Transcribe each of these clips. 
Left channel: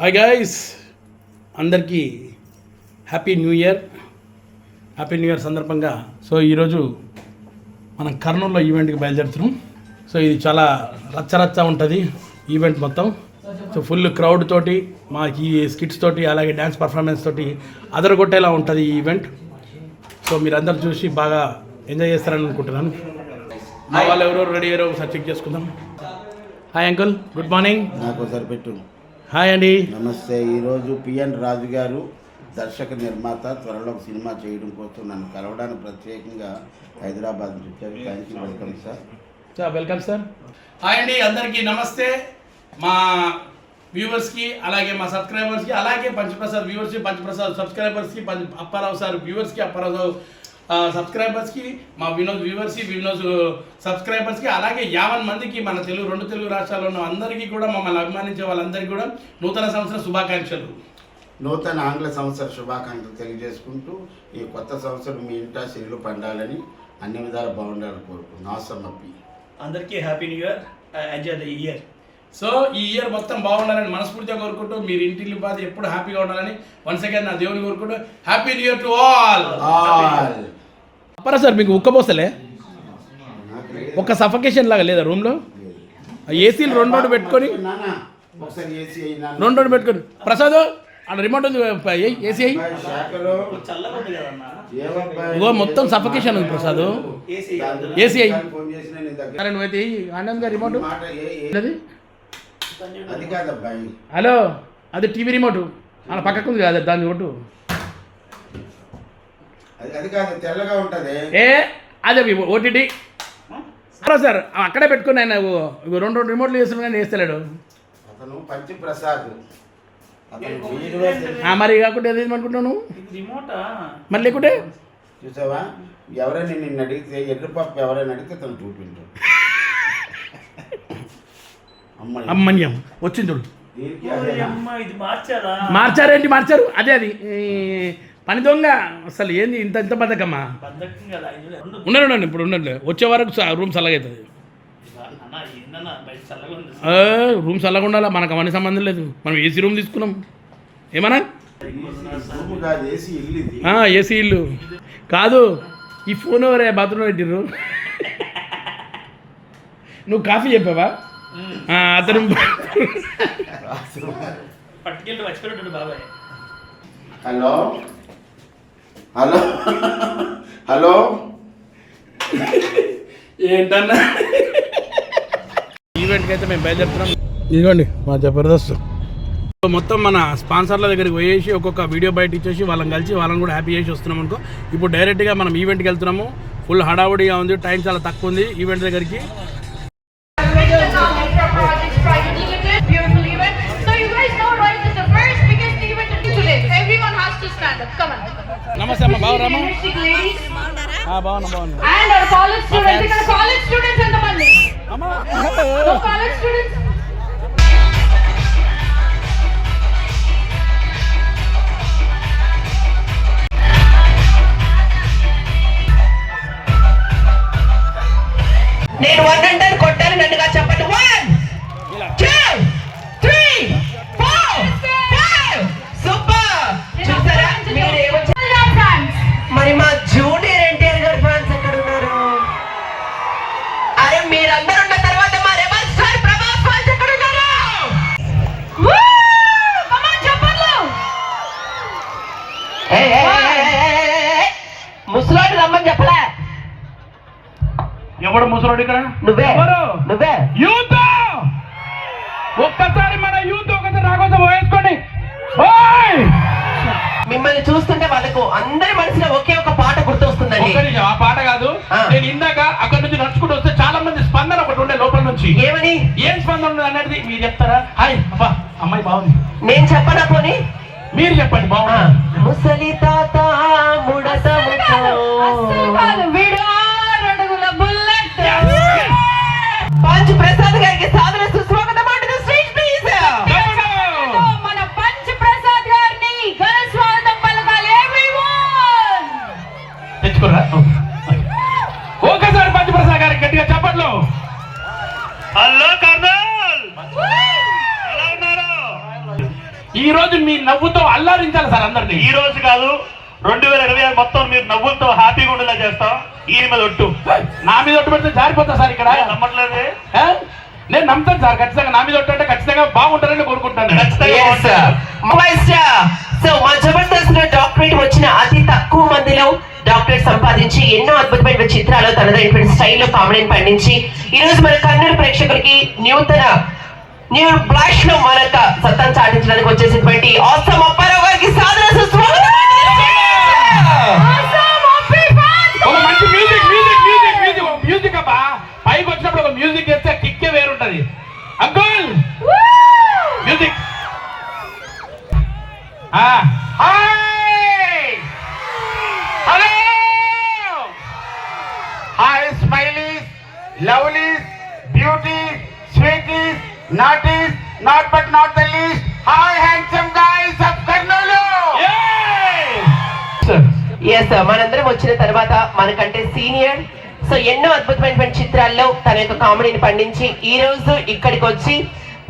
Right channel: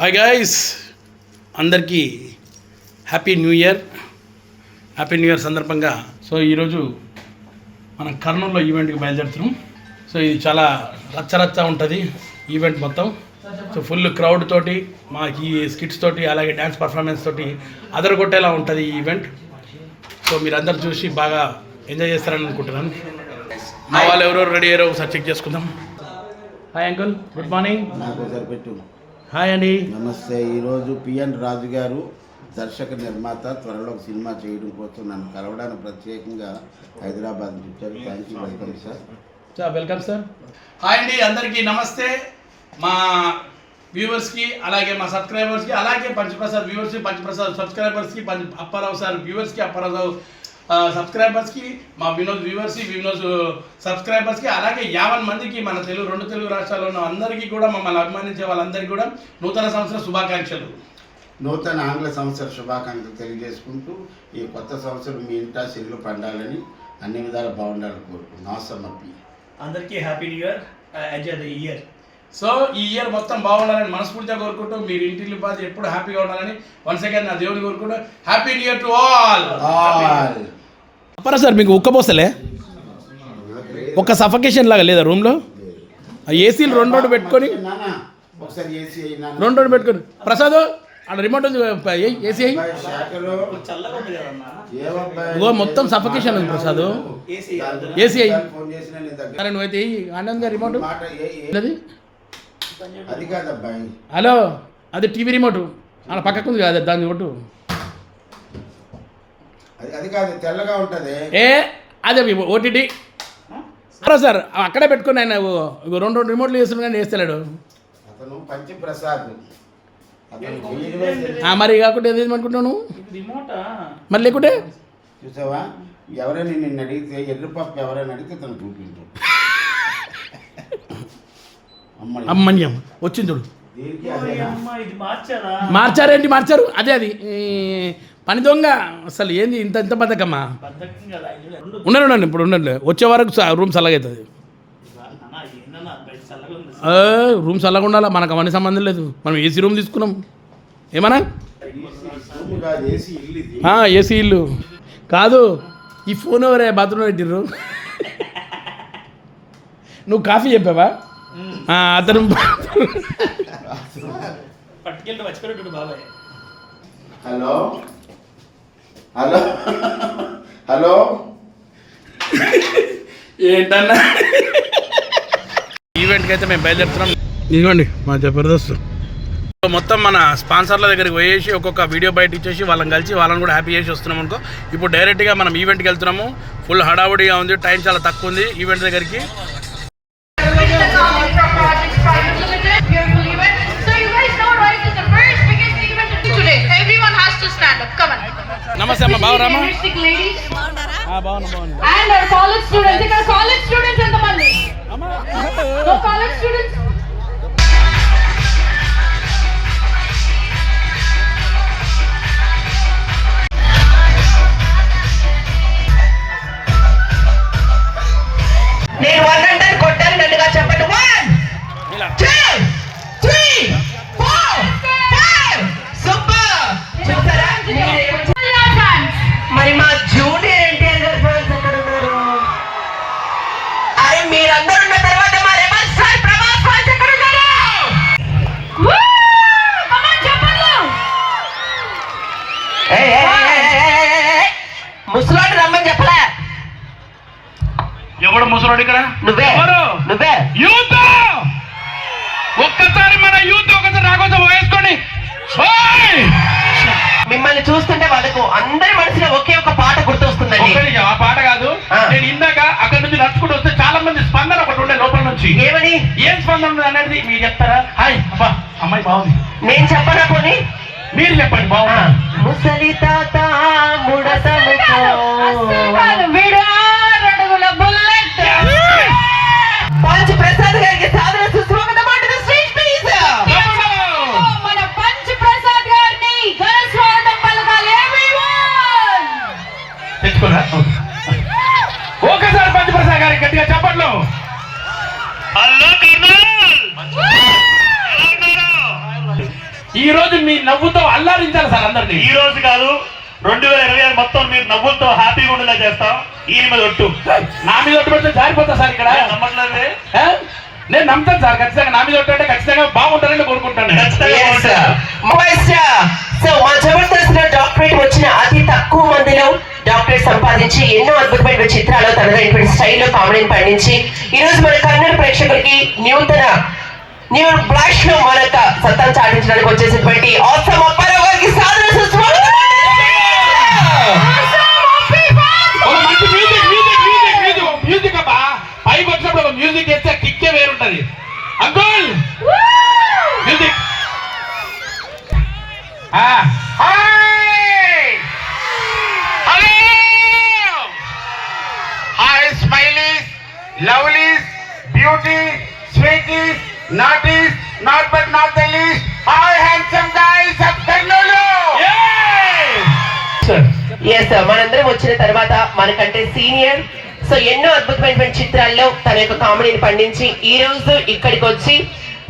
Hi guys, అందరికీ happy new year సందర్భంగా ఈరోజు మనం కర్నూలులో ఈవెంట్కి బయలుదేరుతున్నాం. ఇది చాలా రచ్చరచ్చ ఉంటుంది ఈవెంట్ మొత్తం. ఫుల్ క్రౌడ్ తోటి మాకు స్కిట్స్ తోటి అలాగే డ్యాన్స్ పర్ఫార్మెన్స్ తోటి అదరగొట్టేలా ఉంటుంది ఈ ఈవెంట్. మీరందరూ చూసి బాగా ఎంజాయ్ చేస్తారని అనుకుంటున్నాను. మా వాళ్ళు ఎవరెవరు రెడీ అయ్యారో ఒకసారి చెక్ చేసుకుందాం. Hi uncle, good morning. Hi అండి, నమస్తే. ఈరోజు పిఎన్ రాజు గారు దర్శక నిర్మాత త్వరలో ఒక సినిమా చేయడం కోసం నన్ను కలవడానికి ప్రత్యేకంగా హైదరాబాద్ నుంచి వచ్చారు. Thank you, welcome sir. Welcome sir. Hi అండి, అందరికీ నమస్తే. మా వ్యూవర్స్కి అలాగే మా సబ్స్క్రైబర్స్కి అలాగే పంచప్రసాద్ వ్యూవర్స్కి, పంచప్రసాద్ సబ్స్క్రైబర్స్కి, అప్పారావు సార్ వ్యూవర్స్కి, అప్పారావు సబ్స్క్రైబర్స్కి, మా వినోద్ వ్యూవర్స్కి, వినోద్ సబ్స్క్రైబర్స్కి, అలాగే 50 మందికి మన రెండు తెలుగు రాష్ట్రాల్లో ఉన్న అందరికీ కూడా, మమ్మల్ని అభిమానించే వాళ్ళందరికీ కూడా నూతన సంవత్సర శుభాకాంక్షలు. నూతన ఆంగ్ల సంవత్సర శుభాకాంక్షలు తెలియజేసుకుంటూ ఈ కొత్త సంవత్సరం మీ ఇంటా సిల్లు పండాలని, అన్ని విధాలు బాగుండాలని కోరుకుంటున్నాను. ఆసమ్మప్పి అందరికీ happy new year, enjoy the year. ఈ ఇయర్ మొత్తం బాగుండాలని మనస్ఫూర్తిగా కోరుకుంటూ, మీరు ఇంటిల్లి పాది ఎప్పుడు హ్యాపీగా ఉండాలని వన్స్ అగైన్ నా దేవుని కోరుకుంటూ happy new year to all. అప్పరా సార్, మీకు ఉక్కపోసలే ఒక సఫకేషన్ లాగా లేదా రూమ్లో? ఏసీలు రెండు పెట్టుకొని పెట్టుకొని ప్రసాద్ అక్కడ రిమోట్ ఉంది, ఏసీ అయ్యి ఇగో మొత్తం సఫకేషన్ ఉంది ప్రసాద్. ఏసీ అయ్యి నువ్వైతే ఆనంద్ గారు రిమోట్ అది. హలో, అది టీవీ రిమోట్ అలా పక్కకు ఉంది కదా, దాన్ని కొట్టు. అదే ఓటీటీ సార్ అక్కడే పెట్టుకుని ఆయన రెండు రిమోట్లు చేస్తున్నాడు కానీ వేస్తలేడు. మరి కాకుండా ఏది అనుకుంటున్నాను మరి లేకుంటే చూసావా, ఎవరైనా నిన్ను అడిగితే ఎర్రపప్పు ఎవరైనా అడిగితే తను చూపించు. అమ్మన్యం వచ్చింది చూడు. మార్చారు అదే అది పని దొంగ. అసలు ఏంది ఇంత బద్దకమ్మా? ఉండండి ఇప్పుడు ఉండండి, వచ్చే వరకు రూమ్ చల్లగా అవుతుంది. రూమ్ చల్లగా ఉండాలా, మనకు అవన్నీ సంబంధం లేదు. మనం ఏసీ రూమ్ తీసుకున్నాం. ఏమన్నా ఏసీ ఇల్లు కాదు. ఈ ఫోన్ ఎవరే బాత్రూంలో పెట్టిర్రు? నువ్వు కాఫీ చెప్పావా? అతను హలో హలో హలో ఏంటన్నా ఈవెంట్కి అయితే మేము బయలుదేరుతున్నాం. ఇదిగోండి మా జబర్దస్త్ మొత్తం మన స్పాన్సర్ల దగ్గరికి పోయేసి ఒక్కొక్క వీడియో బయట ఇచ్చేసి వాళ్ళని కలిసి వాళ్ళని కూడా హ్యాపీ చేసి వస్తున్నాం అనుకో. ఇప్పుడు డైరెక్ట్గా మనం ఈవెంట్కి వెళ్తున్నాము. ఫుల్ హడావుడిగా ఉంది, టైం చాలా తక్కువ ఉంది ఈవెంట్ దగ్గరికి. నమస్తే అమ్మ, బాగురామా? బాగున్నా. నేను 100 కొట్టాను, నన్నుగా చెప్పండి. 1 2 3 4 5 సూపర్. చూసారా మరి మా జూనియర్ ఎన్టీఆర్ గారి ఫ్యాన్స్ ఎక్కడ ఉన్నారు? అరే మీరందరూ ఉన్న తర్వాత మా రెబల్ స్టార్ ప్రభాస్ ఫ్యాన్స్ ఎక్కడ ఉన్నారు? ముసలోడు రమ్మని చెప్పలే. ఎవడు ముసలోడు ఇక్కడ? నువ్వే యూత్. ఒక్కసారి మన యూత్ ఒకసారి రాకోసం వేసుకోండి. మిమ్మల్ని చూస్తుంటే వాళ్ళకు అందరి మనసులో ఒకే ఒక పాట గుర్తొస్తుందండి. ఆ పాట కాదు, నేను ఇందాక అక్కడ నుంచి నడుచుకుంటూ వస్తే చాలా మంది స్పందన ఒకటి ఉండే లోపల నుంచి. ఏమని? ఏం స్పందన ఉంది అనేది మీరు చెప్తారా? హాయ్ అబ్బా, అమ్మాయి బాగుంది. నేను చెప్పనా పోనీ? మీరు చెప్పండి. బాగున్నా ముసలి తాత ముడత పంచ్ ప్రసాద్ గారికి సాదర సుస్వాగతం. మన పంచ్ ప్రసాద్ గారిని ఘన స్వాగతం పలకాలి. తెచ్చుకోరా ఒకసారి పంచ్ ప్రసాద్ గారికి గట్టిగా చెప్పండి. హలో కర్నూల్, ఈ రోజు మీ నవ్వుతో అల్లారించాలి సార్ అందరినీ. ఈ రోజు కాదు 2026 మొత్తం మీరు నవ్వులతో హ్యాపీగా ఉండేలా చేస్తాం. ఈయన మీద ఒట్టు. నా మీద ఒట్టు పెడితే జారిపోతా సార్ ఇక్కడ. నమ్మట్లేదే? నేను నమ్ముతాను సార్ ఖచ్చితంగా. నా మీద ఒట్టు అంటే ఖచ్చితంగా బాగుంటారని కోరుకుంటాను. సో మా జబర్దస్త్ లో డాక్టరేట్ వచ్చిన అతి తక్కువ మందిలో డాక్టరేట్ సంపాదించి ఎన్నో అద్భుతమైన చిత్రాలు తనదైనటువంటి స్టైల్లో కామెడీని పండించి ఈ రోజు మన కన్నడ ప్రేక్షకులకి న్యూ బ్లాష్ లో మనక సత్తా చాటించడానికి వచ్చేసినటువంటి ఆసమ్ అప్పారావు గారికి సాదర సుస్వాగతం. ఒక మంచి మ్యూజిక్ అబ్బా. పైకి వచ్చినప్పుడు ఒక మ్యూజిక్ వేస్తే కిక్కే వేరుంటది. Uncle music. Hi, smileys, lovelies, beauties, sweeties, naughties, not but not the least. Hi, handsome guys of Karnoolu. Yes మనందరం వచ్చిన తర్వాత మనకంటే సీనియర్ సో ఎన్నో అద్భుతమైనటువంటి చిత్రాల్లో తన యొక్క కామెడీని పండించి ఈ రోజు ఇక్కడికి వచ్చి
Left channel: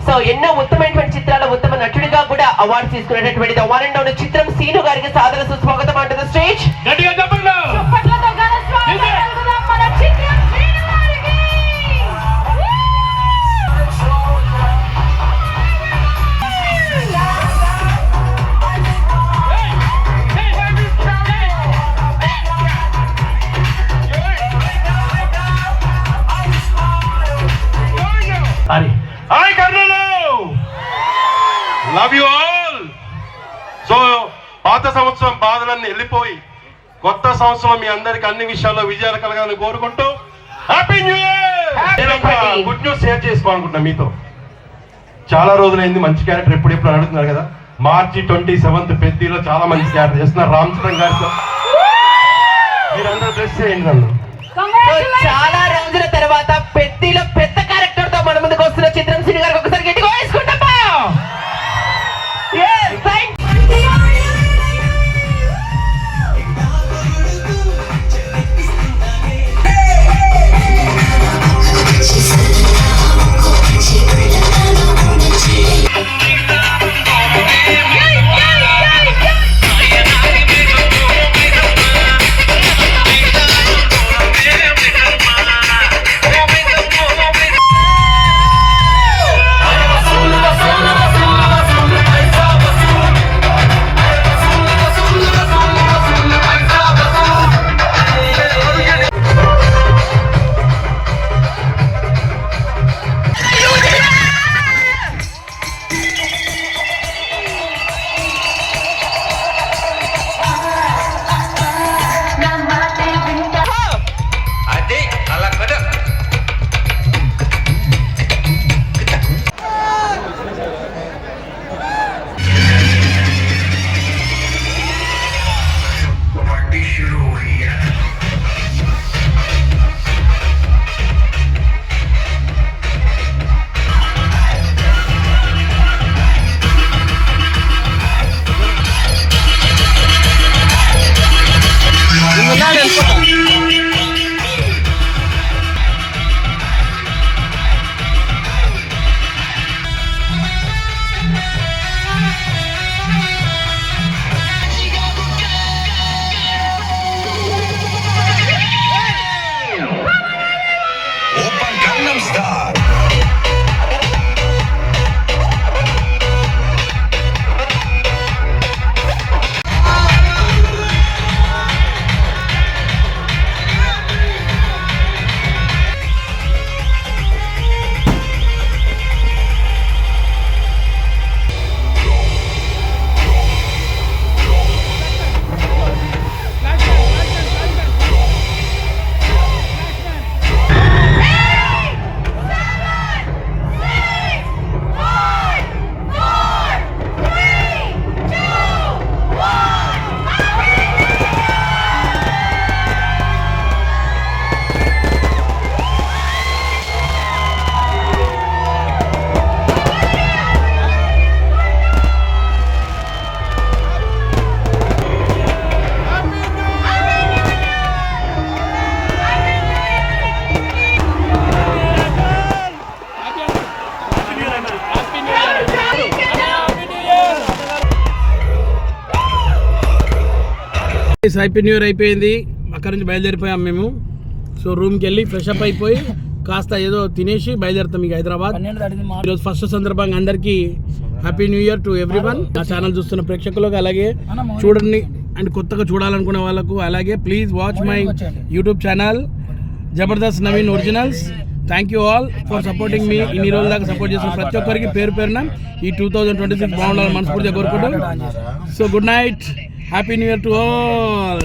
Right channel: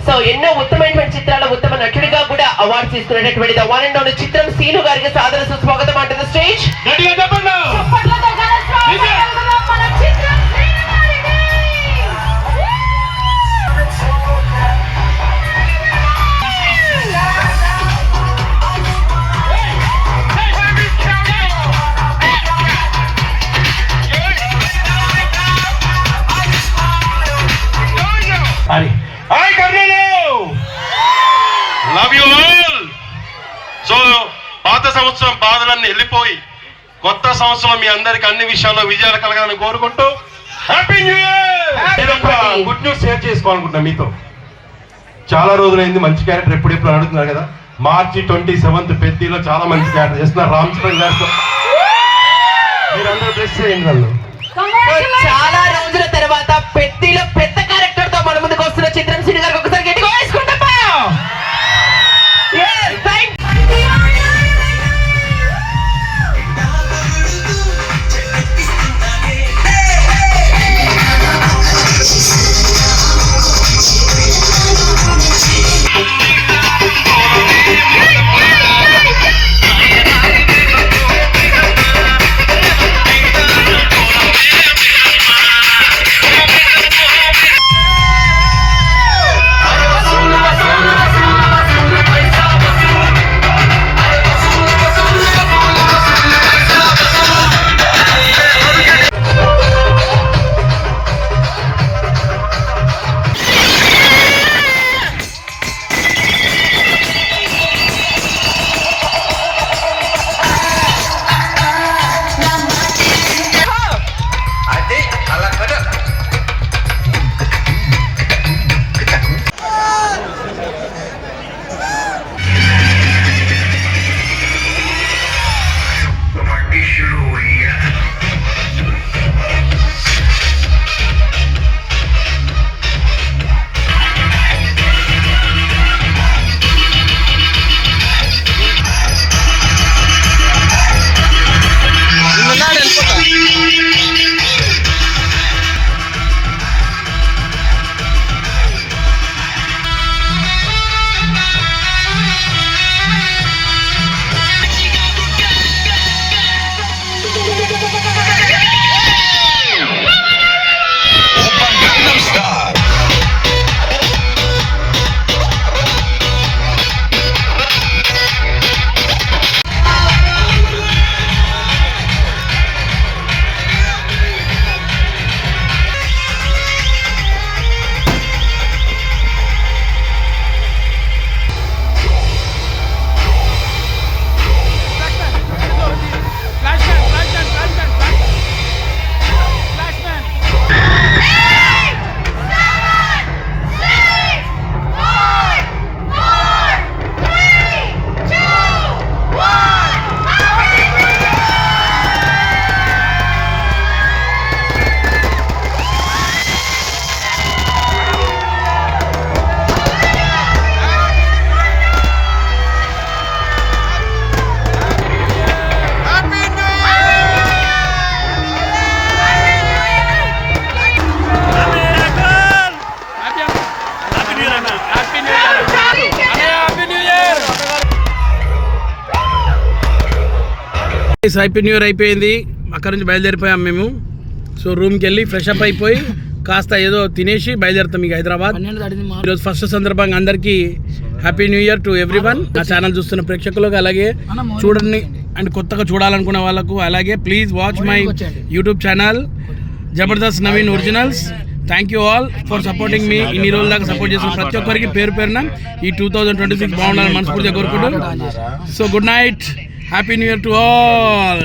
సో ఎన్నో ఉత్తమమైనటువంటి చిత్రాల్లో ఉత్తమ నటుడిగా కూడా అవార్డు తీసుకునేటటువంటి ద వన్ అండ్ ఓన్లీ చిత్రం సీను గారికి సాదర సుస్వాగతం అంటుంది స్టేజ్. చప్పట్లతో ఘన స్వాగతం పలుకుదాం మన చిత్రం శ్రీను గారికి. Hi, Karnoolu! Love you all. So పాత సంవత్సరం బాధలన్నీ వెళ్ళిపోయి కొత్త సంవత్సరం మీ అందరికి అన్ని విషయాల్లో విజయాలు కలగాలని కోరుకుంటూ happy new year. Good news share చేసుకోవాలనుకుంటున్నా మీతో. చాలా రోజులైంది మంచి క్యారెక్టర్ ఎప్పుడు అడుగుతున్నారు కదా. మార్చి 27th పెద్దలో చాలా మంచి క్యారెక్టర్ చేస్తున్నారు రామ్ చరణ్ గారితో. మీరందరూ బ్లెస్ చేయండి నన్ను. చాలా రోజుల తర్వాత పెద్దిలో పెద్ద క్యారెక్టర్ తో మన ముందుకు వస్తున్న చిత్రం సీను గారికి ఒకసారి గట్టిగా వేసుకుంటాం. Happy New Year. Happy New Year. Happy new year అయిపోయింది, అక్కడ నుంచి బయలుదేరిపోయాం మేము. సో రూమ్కి వెళ్ళి ఫ్రెష్ అప్ అయిపోయి కాస్త ఏదో తినేసి బయలుదేరుతాం ఇక హైదరాబాద్. ఈరోజు ఫస్ట్ సందర్భంగా అందరికీ happy new year to everyone. నా ఛానల్ చూస్తున్న ప్రేక్షకులకు, అలాగే చూడండి అండ్ కొత్తగా చూడాలనుకునే వాళ్ళకు, అలాగే please watch my YouTube channel Jabardasth Naveen originals. Thank you all for supporting me. ఇన్ని రోజుల దాకా సపోర్ట్ చేసిన ప్రతి ఒక్కరికి పేరు పేరున ఈ 2026 బాగుండాలని మనస్ఫూర్తిగా కోరుకుంటూ. So good night, happy new year to all.